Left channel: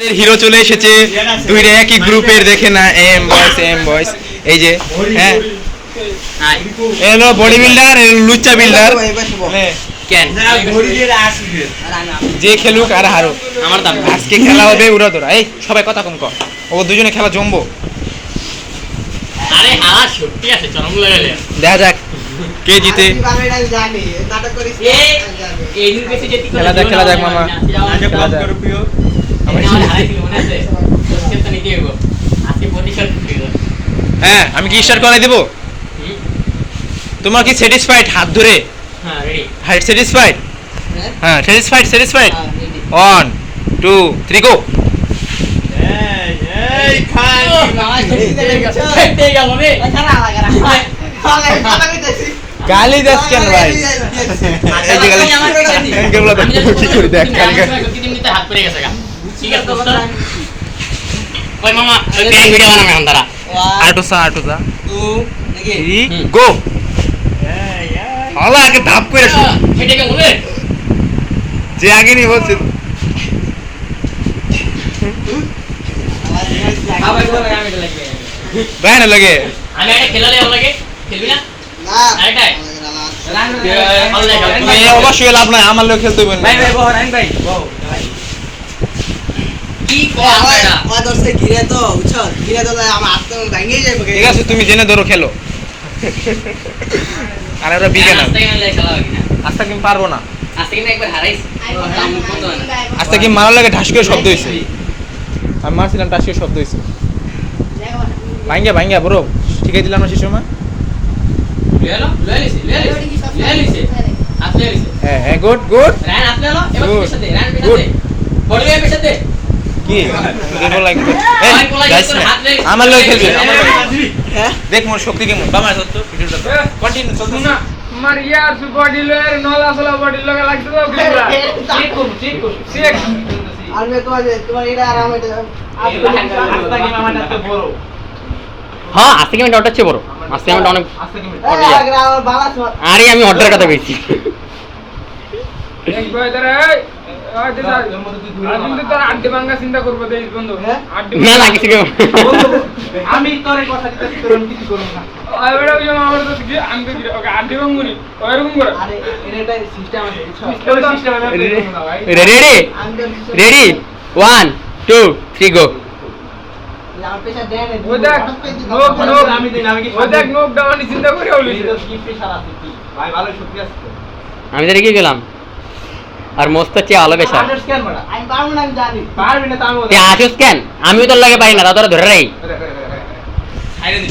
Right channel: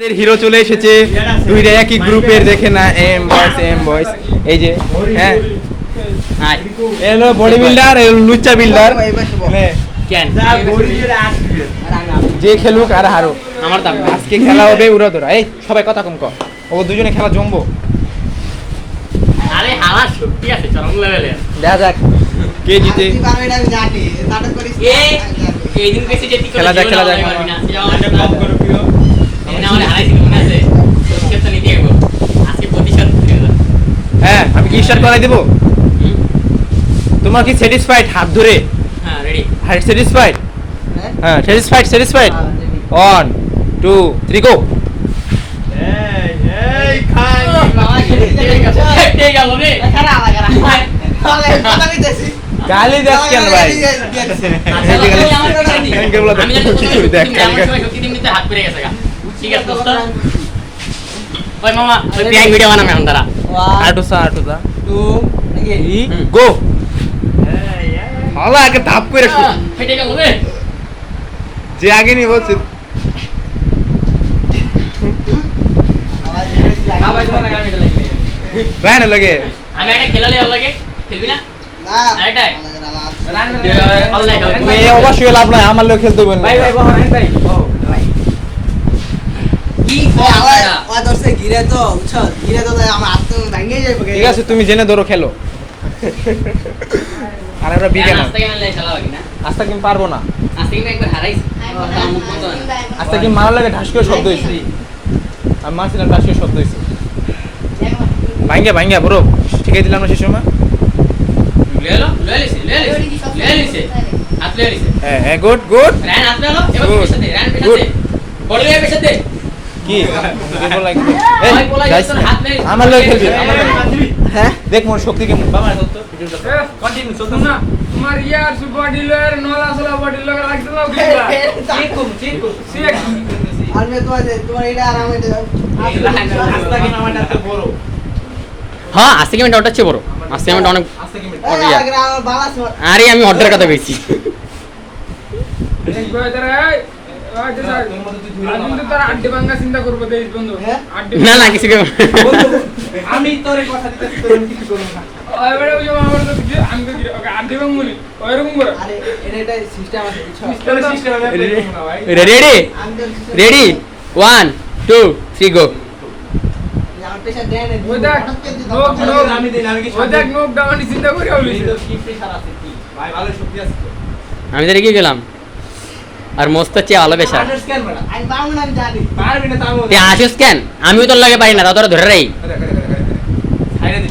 Hero চলে এসেছে, দুইটা একই গ্রুপের, দেখে না, এম বয়স এই যে, হ্যাঁ এলো বডি বিল্ডার, লুচ্চা বিল্ডার, যে খেলুক আর হারুক আমার দাম। আজকে খেলা হবে উড়া ধরা। এই সবাই কথা কম কর, ও দুজনে খেলা জমবো। আরে হালা সত্যি আছে চরম লেভেলে। দেখা যাক কে জিতে। এই দিন বেশি যেতে করে খেলা যাক মামা। হ্যাঁ আমি কি স্টার্ট করাই দেবো? তোমার কি স্যাটিসফাইড হাত ধরে? হ্যাঁ রেডি। হ্যাঁ স্যাটিসফাইড, হ্যাঁ স্যাটিসফাইড। 1 2 3 গো। গালি দাস কেন ভাই? এই যে গালি কেবল দেখ কি করে, দেখ গালি হাত পড়ে গেছে। ঠিক আছে দোস্ত, ওই মামা ওই প্যাং ভিডিও বানাবে এখন তারা। আটুসা 2 3 গো। হালা আগে ধাপ করে শুরু, ফেটে গেল রে। যে আগে নি বলছে রায়না লাগে। আমি একটা খেলালে ভালো লাগে, খেলবি না? না আরেকটাই তুমি অবশ্যই লাভ নাই, আমার লোক খেলতে বলবে। ভাই ভাই বহরান ভাই বহ ভাই কি কয় এটা ওদরসে ঘিরে তো উছল ঘিরে তো আমার হাত তো ভাঙিয়ে যাবে। ঠিক আছে তুমি জেনে ধরো খেলো। আর ওরা বিকে না, আস্তে গেলে খেলা হবে না। আস্তে কি পারবো না, আজকে কিন্তু একবার হারাইছি। আস্তে কি মারার লাগে ঢাস করে শব্দ হইছে। আমি মারছিলাম ঢাস করে শব্দ হইছে। ভাঙ্গা বড় ঠিক আছে দিলাম না সেই সময়। লেলিছে আপনি লেলিছে হ্যাঁ গুড রান আপনি হলো এবার Good. পেছাতে রান Good. পেছাতে বড় হয়ে পেছাতে কি কেবল লাগে। এই গাইস আমার লোক খেলবে, আমার লোক। হ্যাঁ দেখ মোর শক্তি কেমন বাবা সত্য কন্টিনিউ চলতে না। তোমার ইয়ার বডি লয়ের নলা সলা বডি লগা লাগছে তো ঠিক করুন আর মে তোমার এটা আর আমার এটা আস্তে কি মামাটা তো বড়। হ্যাঁ আজকে গেমটা ওটা চেয়ে বড়। আজকে গেমটা অনেক আস্তে কি আর বালাস আরে আমি অর্ডারের কথা কইছি। এক বয় ধরে ওই যে স্যার কিন্তু তোর আড্ডি ভাঙা চিন্তা করব দেই বন্ধু আড্ডি না না কিছু কেউ আমি তোরে কথা দিতেছি, তোর কিছু করব না। ওই বড় যে আমার তো কি আমি তো ওকে আড্ডি ভাঙুনি ওইরকম করে আরে এটা সিস্টেম আছে বুঝছো। তোর সিস্টেম আমি প্লে করব না ভাই। রেডি 1 2 3 গো। আমার পেশা দেন ওই দেখ নোক আমি দিন আমি কি ওই দেখ নোক ডাউনি চিন্তা করে হইছে তোর কি প্রেসার আছে কি ভাই? ভালো শক্তি আছে তো। আমি তো রেগে গেলাম আর মস্ত চেয়ে ভালো বেশা আনার্স কেন বড় আমি পারবো না, আমি জানি পারবি না তো আমি তুই আসিস কেন? আমিও তোর লাগে পারি না, তা তোরা ধরে রাই। ছাইরে দিন